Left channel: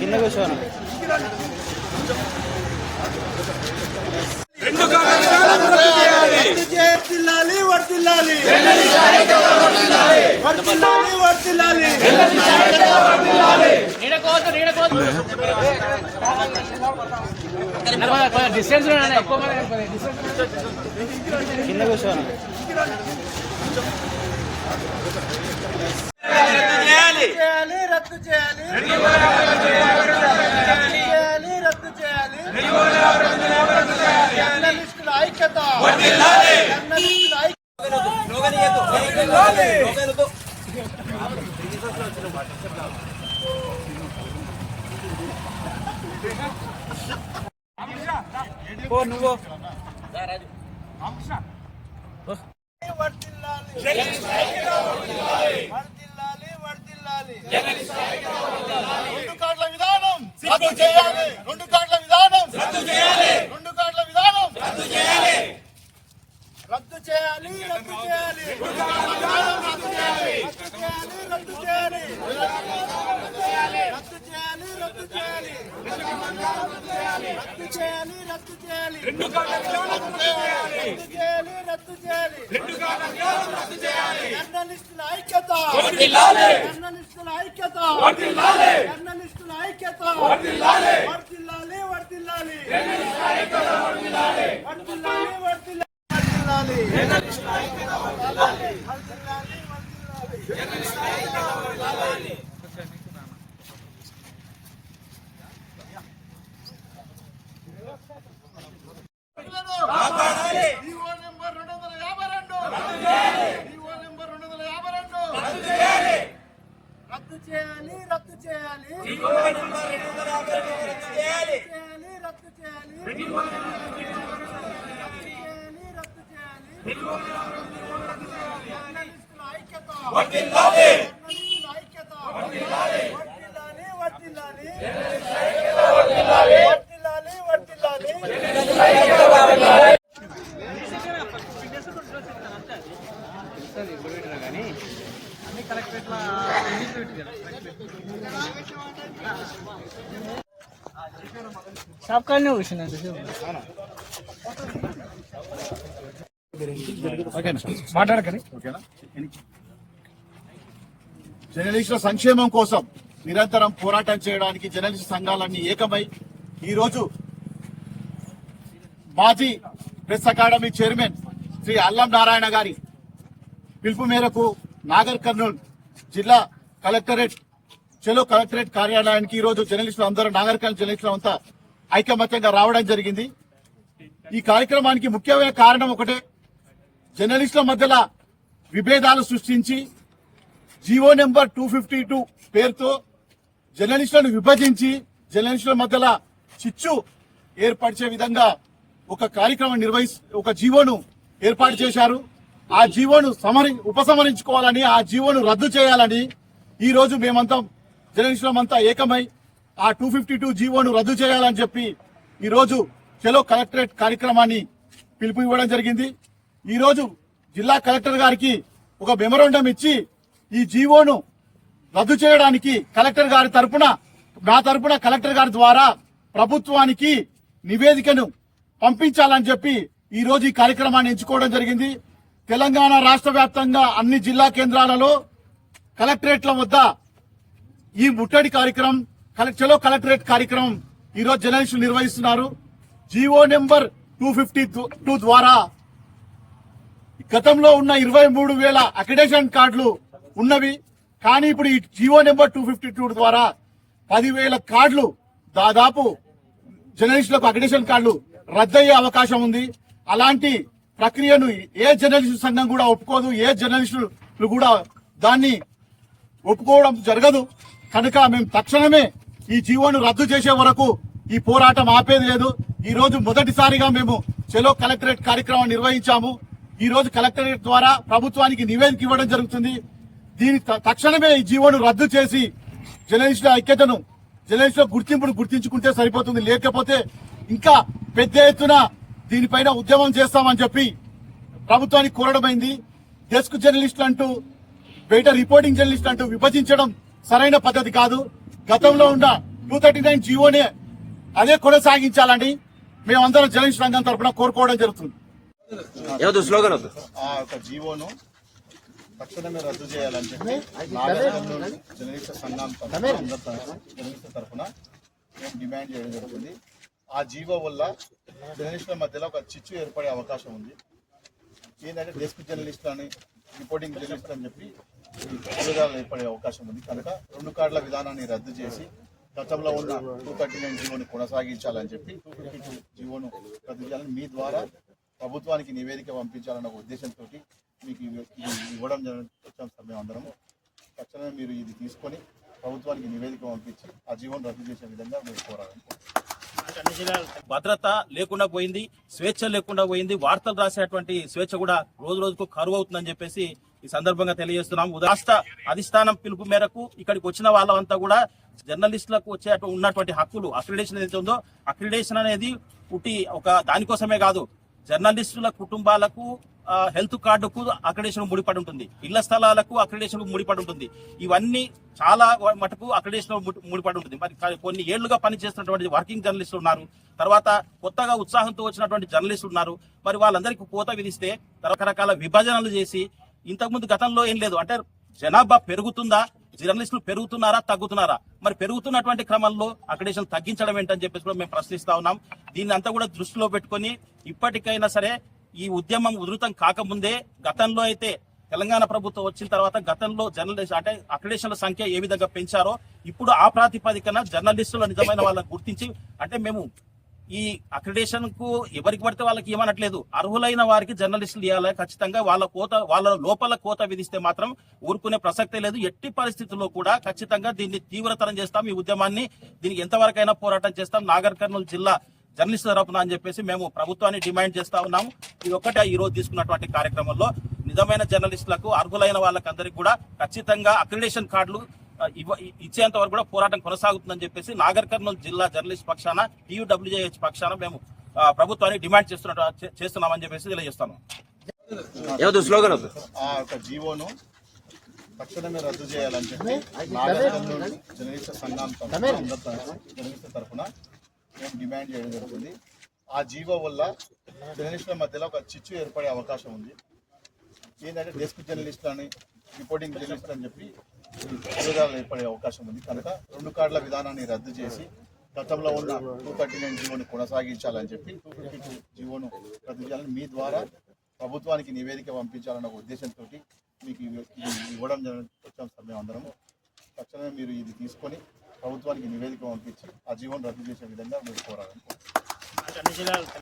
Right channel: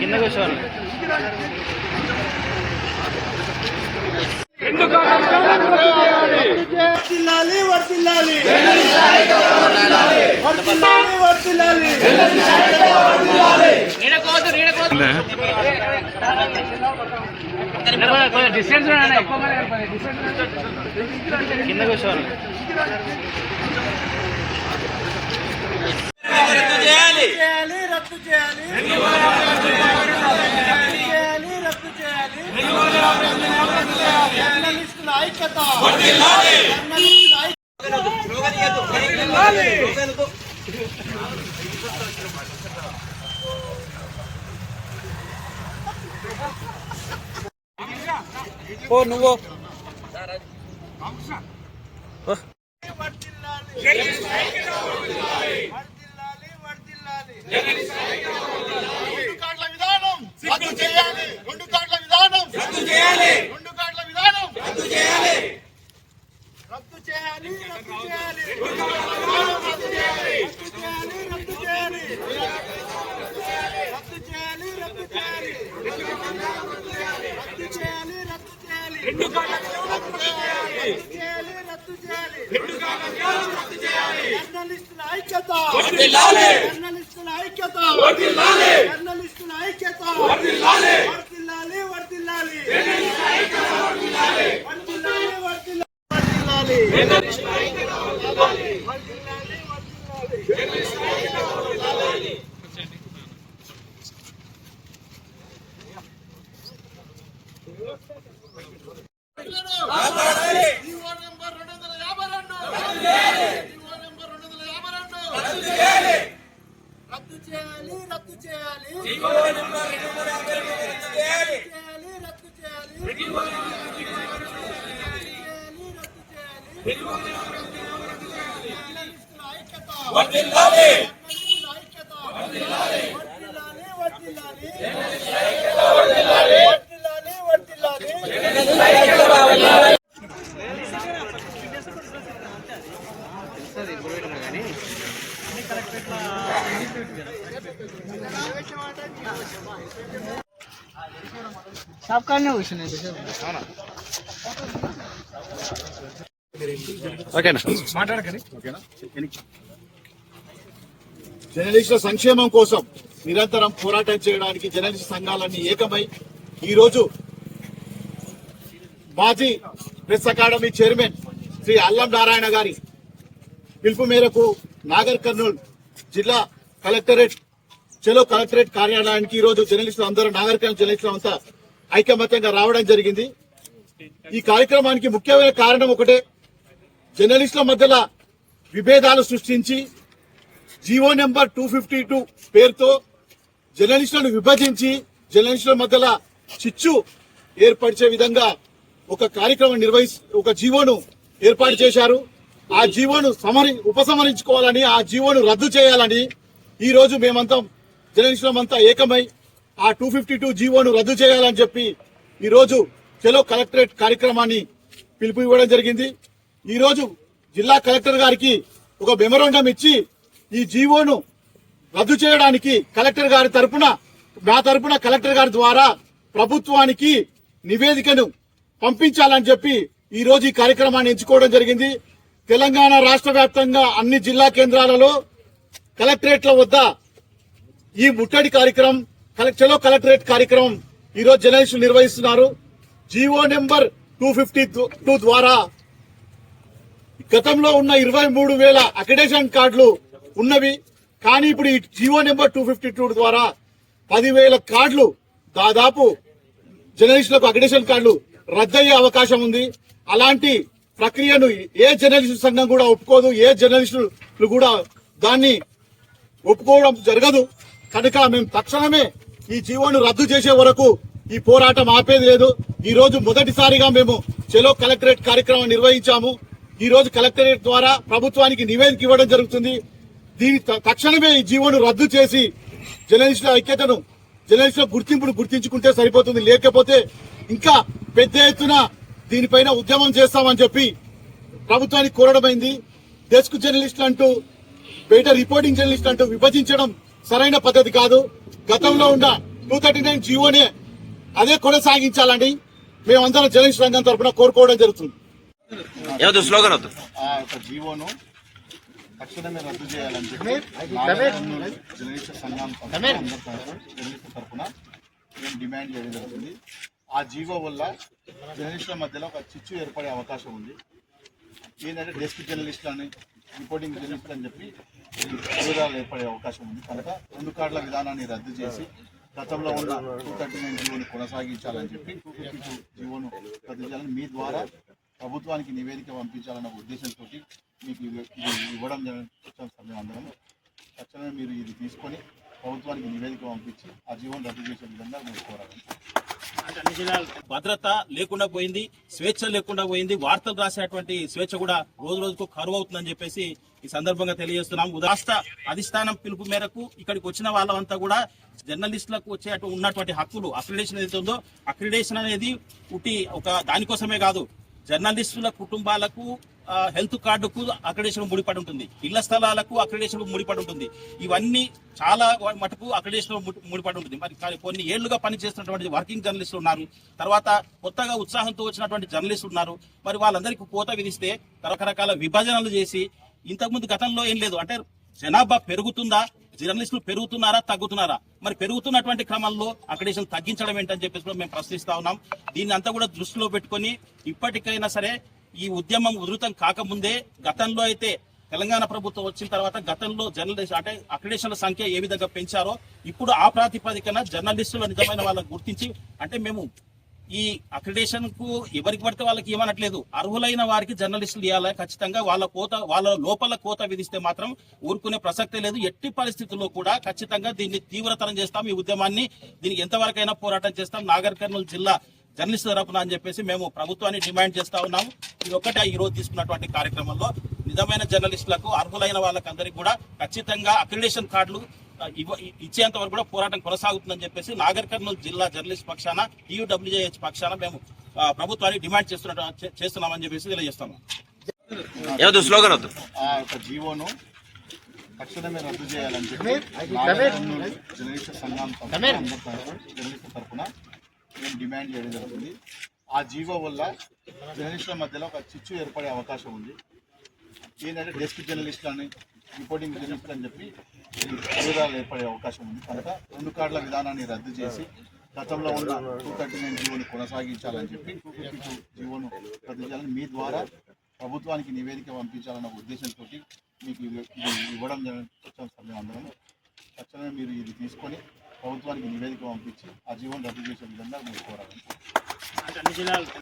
కింద కూర్చోవాలి. కింద కూర్చోవాలి. రద్దు చేయాలి, రద్దు చేయాలి. జర్నలిస్టుల ఐక్యత, జర్నలిస్టుల నువ్వు రద్దు చేయాలి, రెండు కార్డుల విధానం రద్దు చేయాలి, రెండు కార్డుల విధానం రద్దు చేయాలి, రద్దు చేయాలి, రద్దు చేయాలి, రద్దు చేయాలి, రద్దు చేయాలి, రద్దు చేయాలి, రద్దు చేయాలి, రద్దు చేయాలి, రద్దు చేయాలి, రెండు కార్డుల రద్దు చేయాలి, రద్దు చేయాలి, రెండు కార్డుల రద్దు చేయాలి. జర్నలిస్టుల ఐక్యత వర్ధిల్లాలి, జర్నలిస్టుల ఐక్యత వర్ధిల్లాలి, జర్నలిస్టుల ఐక్యత వర్ధిల్లాలి, వర్ధిల్లాలి, వర్ధిల్లాలి, జర్నలిస్టుల ఐక్యత వర్ధిల్లాలి, వర్ధిల్లాలి, వర్ధిల్లాలి, జర్నలిస్టుల ఐక్యత వర్ధిల్లాలి, వర్ధిల్లాలి, వర్ధిల్లాలి, జర్నలిస్టుల ఐక్యత వర్ధిల్లాలి. రద్దు చేయాలి, రద్దు చేయాలి, రద్దు చేయాలి, జర్నలిస్టుల ఐక్యత వర్ధిల్లాలి, జర్నలిస్టుల ఐక్యత వర్ధిల్లాలి, వర్ధిల్లాలి, వర్ధిల్లాలి, వర్ధిల్లాలి, వర్ధిల్లాలి, వర్ధిల్లాలి. కానీ అన్ని కలెక్టరేట్ల షాప్ కానీ కూర్చున్నాయి. జర్నలిస్టుల సంక్షేమం కోసం నిరంతరం పోరాటం చేయడానికి జర్నలిస్టు సంఘాలన్నీ ఏకమై ఈరోజు మాజీ ప్రెస్ అకాడమీ చైర్మన్ శ్రీ అల్లం నారాయణ గారి పిలుపు మేరకు నాగర్ కర్నూల్ జిల్లా కలెక్టరేట్ చెలో కలెక్టరేట్ కార్యాలయానికి ఈరోజు జర్నలిస్టులు అందరూ నాగర్ కర్నూల్ జర్నలిస్టులు అంతా ఐకమత్యంగా రావడం జరిగింది. ఈ కార్యక్రమానికి ముఖ్యమైన కారణం ఒకటే, జర్నలిస్టుల మధ్యలో విభేదాలు సృష్టించి జీవో నెంబర్ 252 పేరుతో జర్నలిస్టులను విభజించి జర్నలిస్టుల మధ్యలో చిచ్చు ఏర్పరిచే విధంగా ఒక కార్యక్రమం ఒక జీవోను ఏర్పాటు చేశారు. ఆ జీవోను ఉపసంహరించుకోవాలని, ఆ జీవోను రద్దు చేయాలని ఈ రోజు మేమంతా జర్నలిస్టులమంతా ఏకమై ఆ 252 జీవోను రద్దు చేయాలని చెప్పి ఈ రోజు చెలో కలెక్టరేట్ కార్యక్రమాన్ని పిలుపు ఇవ్వడం జరిగింది. ఈ రోజు జిల్లా కలెక్టర్ గారికి ఒక మెమోరాండం ఇచ్చి ఈ జీవోను రద్దు చేయడానికి కలెక్టర్ గారి తరపున, నా తరపున కలెక్టర్ గారి ద్వారా ప్రభుత్వానికి నివేదికను పంపించాలని చెప్పి ఈ రోజు ఈ కార్యక్రమాన్ని ఎంచుకోవడం జరిగింది. తెలంగాణ రాష్ట్ర వ్యాప్తంగా అన్ని జిల్లా కేంద్రాలలో కలెక్టరేట్ల వద్ద ఈ ముట్టడి కార్యక్రమం, చెలో కలెక్టరేట్ కార్యక్రమం ఈ రోజు జర్నలిస్టులు నిర్వహిస్తున్నారు. జీవో నెంబర్ 252 ద్వారా గతంలో ఉన్న 23,000 అక్రిడేషన్ కార్డులు ఉన్నవి. కానీ ఇప్పుడు ఈ జీవో నెంబర్ 252 ద్వారా 10,000 కార్డులు, దాదాపు జర్నలిస్టులకు అక్రిడేషన్ కార్డులు రద్దయ్యే అవకాశం ఉంది. అలాంటి ప్రక్రియను ఏ జర్నలిస్టు సంఘం కూడా ఒప్పుకోదు, ఏ జర్నలిస్టులు కూడా దాన్ని ఒప్పుకోవడం జరగదు. కనుక మేము తక్షణమే ఈ జీవోను రద్దు చేసే వరకు ఈ పోరాటం ఆపేది లేదు. ఈ రోజు మొదటిసారిగా మేము చెలో కలెక్టరేట్ కార్యక్రమం నిర్వహించాము. ఈ రోజు కలెక్టరేట్ ద్వారా ప్రభుత్వానికి నివేదిక ఇవ్వడం జరుగుతుంది. దీని తక్షణమే ఈ జీవోను రద్దు చేసి జర్నలిస్టుల ఐక్యతను, జర్నలిస్టుల గుర్తింపును గుర్తించుకుంటే సరిపోతుంది. లేకపోతే ఇంకా పెద్ద ఎత్తున దీనిపైన ఉద్యమం చేస్తామని చెప్పి ప్రభుత్వానికి కోరడమైంది. డెస్క్ జర్నలిస్టులు అంటూ, బయట రిపోర్టింగ్ జర్నలిస్టులు అంటూ విభజించడం సరైన పద్ధతి కాదు. గతంలో ఉన్న 239 జీవోనే అదే కొనసాగించాలని మేమందరం జర్నలిస్ట్ రంగం తరఫున కోరుకోవడం జరుగుతుంది. ఆ యొక్క జీవోను తక్షణమే రద్దు చేయాలని చెప్పి జర్నలిస్ట్ సంఘం జర్నలిస్ట్ తరఫున మేము డిమాండ్ చేయడం జరుగుతుంది. ఆ జీవో వల్ల జర్నలిస్టుల మధ్యలో ఒక చిచ్చు ఏర్పడే అవకాశం ఉంది. ఏంటంటే డెస్క్ జర్నలిస్టులు అని, రిపోర్టింగ్ జర్నలిస్టులు అని చెప్పి విభేదాలు ఏర్పడే అవకాశం ఉంది. కనుక 2 కార్డుల విధానాన్ని రద్దు చేసి గతంలో ఉన్న 239 జీవోను కొనసాగించాలని చెప్పి 252 జీవోను రద్దు చేయాలని మీ ద్వారా ప్రభుత్వానికి నివేదిక పంపించాలన్న ఉద్దేశంతో మీకు ఇది ఇవ్వడం వచ్చాం సార్. మేము అందరం తక్షణమే మీరు ఇది తీసుకొని ప్రభుత్వానికి నివేదిక పంపించి ఆ జీవోను రద్దు చేసే విధంగా మీరు కోరాలని. భద్రత లేకుండా పోయింది, స్వేచ్ఛ లేకుండా పోయింది. వార్తలు రాసేటువంటి స్వేచ్ఛ కూడా రోజు రోజుకు కరువు అవుతుందని చెప్పేసి ఈ సందర్భంగా తెలియజేస్తున్నాం. రాష్ట్ర అధిష్టానం పిలుపు మేరకు ఇక్కడికి వచ్చిన వాళ్ళంతా కూడా జర్నలిస్టులకు వచ్చే ఉన్నటువంటి హక్కులు, అక్రిడేషన్ ఏదైతే ఉందో, అక్రిడేషన్ అనేది పుట్టి ఒక దానికోసమే కాదు, జర్నలిస్టుల కుటుంబాలకు హెల్త్ కార్డుకు అక్రిడేషన్ ముడిపడి ఉంటుంది, ఇళ్ల స్థలాలకు అక్రిడేషన్ ముడిపడి ఉంటుంది. ఇవన్నీ చాలా మటుకు అక్రిడేషన్ ముడిపడి ఉంటుంది. మరి కొన్ని ఏళ్లుగా పనిచేస్తున్నటువంటి వర్కింగ్ జర్నలిస్టులు ఉన్నారు, తర్వాత కొత్తగా ఉత్సాహంతో వచ్చినటువంటి జర్నలిస్టులు ఉన్నారు. మరి వాళ్ళందరికీ కోత విధిస్తే రకరకాల విభజనలు చేసి, ఇంతకుముందు గతంలో ఏం లేదు అంటే జనాభా పెరుగుతుందా, జర్నలిస్టులు పెరుగుతున్నారా, తగ్గుతున్నారా? మరి పెరుగుతున్నటువంటి క్రమంలో అక్రిడేషన్ తగ్గించడం ఏంటని చెప్పేసి కూడా మేము ప్రశ్నిస్తా ఉన్నాం. దీన్ని అంతా కూడా దృష్టిలో పెట్టుకొని ఇప్పటికైనా సరే ఈ ఉద్యమం ఉధృతం కాకముందే, గతంలో అయితే తెలంగాణ ప్రభుత్వం వచ్చిన తర్వాత గతంలో జర్నలిస్ట్ అంటే అక్రిడేషన్ల సంఖ్య ఏ విధంగా పెంచారో, ఇప్పుడు ఆ ప్రాతిపదికన జర్నలిస్టుల నిజమైన వాళ్ళని గుర్తించి, అంటే మేము ఈ అక్రిడేషన్ కు ఎవరికి పడితే వాళ్ళకి ఇవ్వనట్లేదు, అర్హులైన వారికి జర్నలిస్టులు ఇవ్వాలి. ఖచ్చితంగా వాళ్ళ లోపల కోత విధిస్తే మాత్రం ఊరుకునే ప్రసక్తే లేదు. ఎట్టి పరిస్థితుల్లో కూడా ఖచ్చితంగా దీన్ని తీవ్రతరం చేస్తాం. ఈ ఉద్యమాన్ని దీనికి ఎంతవరకైనా పోరాటం చేస్తాం. నాగర్ కర్నూలు జిల్లా జర్నలిస్టు తరపున అని చెప్పేసి మేము ప్రభుత్వాన్ని డిమాండ్ చేస్తా ఉన్నాము. ఇది ఒక్కటే ఈ రోజు తీసుకున్నటువంటి కార్యక్రమంలో నిజమైన జర్నలిస్టులకు, అర్హులైన వాళ్ళకందరికీ కూడా ఖచ్చితంగా అక్రిడేషన్ కార్డులు ఇచ్చేంత వరకు కూడా పోరాటం కొనసాగుతుందని చెప్పేసి నాగర్ కర్నూలు జిల్లా జర్నలిస్ట్ పక్షాన, TUWJH పక్షాన మేము ప్రభుత్వాన్ని డిమాండ్ చేస్తున్నామని చెప్పేసి తెలియజేస్తాము. ఆ యొక్క జీవోను తక్షణమే రద్దు చేయాలని చెప్పి జర్నలిస్ట్ సంఘం జర్నలిస్ట్ తరఫున మేము డిమాండ్ చేయడం జరుగుతుంది. ఆ జీవో వల్ల జర్నలిస్టుల మధ్యలో ఒక చిచ్చు ఏర్పడే అవకాశం ఉంది. ఏంటంటే డెస్క్ జర్నలిస్టులు అని, రిపోర్టింగ్ జర్నలిస్టులు అని చెప్పి విభేదాలు ఏర్పడే అవకాశం ఉంది. కనుక 2 కార్డుల విధానాన్ని రద్దు చేసి గతంలో ఉన్న 239 జీవోను కొనసాగించాలని చెప్పి 252 జీవోను రద్దు చేయాలని మీ ద్వారా ప్రభుత్వానికి నివేదిక పంపించాలన్న ఉద్దేశంతో మీకు ఇది ఇవ్వడం వచ్చాం సార్. మేము అందరం తక్షణమే మీరు ఇది తీసుకొని ప్రభుత్వానికి నివేదిక పంపించి ఆ జీవోను రద్దు చేసే విధంగా మీరు కోరాలని.